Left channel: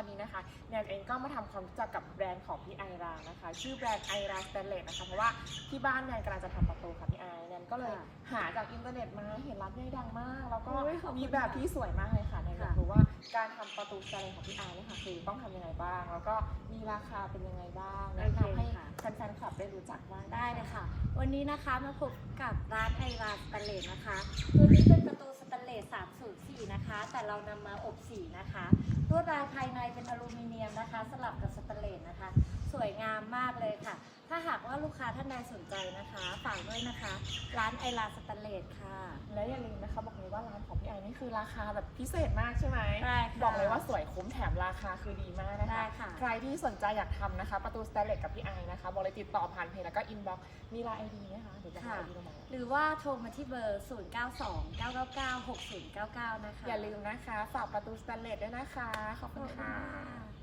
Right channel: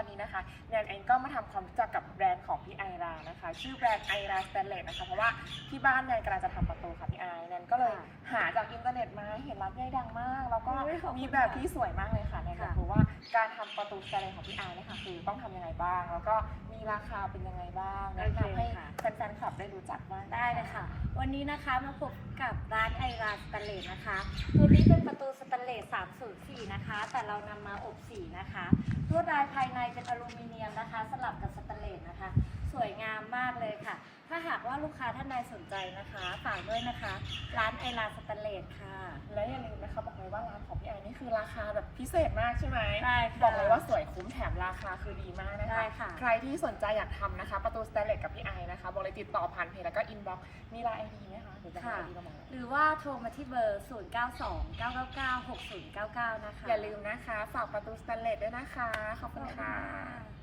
นะคะวันนี้นะคะแนนเองก็มาทำความรู้จักกับแบรนด์ของพี่ไอรานะคะ ชื่อแบรนด์ไอราสแตนเลสนะคะเพราะว่าที่บ้านแนนกำลังจะทำประตูค่ะพี่ไอแนนก็เลยหาจากอินเทอร์เน็ตมาเห็นร้านใหญ่ดังมาก แล้วก็อุ๊ยขอบคุณมีแบบที่สวยมากเลยค่ะแนนอยากค่ะรู้ว่าการทำประตูสแตนเลสของพี่ไอเนี่ยค่ะคือต้องทำยังไงบ้าง แล้วก็มีราคาเป็นยังไงบ้างแนะนำให้แฟนๆคลับได้รู้จักบ้างได้เลยค่ะ วันนี้นะคะมาพบกับร้านไอราสแตนเลสนะคะตัวนี้เป็นประตูสแตนเลส304นะคะ แต่เรานำมาอบสีนะคะ ลวดลายภายในเป็นอลูมิเนียมนะคะ สลับกับสแตนเลสนะคะ สวยงามมากเลยค่ะ ถ้าหากว่าลูกค้าท่านใดสนใจนะคะฝากด้วยนะคะ ร้านไอราสแตนเลสค่ะ และอย่าลืมนะคะบอกเลยว่าร้านของพี่ไอนี่คือราคาแบบพิเศษมากใช่ไหมใช่ค่ะบอกเลยว่าสวยคุ้มแถมราคาคือดีมากนะคะใช่ค่ะใครที่สนใจอยากทำนะคะ ประตูสแตนเลสกับพี่ไอนะคะบอกเลย ติดต่อผ่านเพจแล้วก็อินบ็อกซ์มีไลน์ไอดีไหมคะหรือจะให้ไอดีมาบอกหรือว่าโทรมาที่เบอร์ 0929996099 นะคะ อย่าลืมนะคะ ฝากประตูสแตนเลสด้วยนะคะ ขอบคุณค่ะ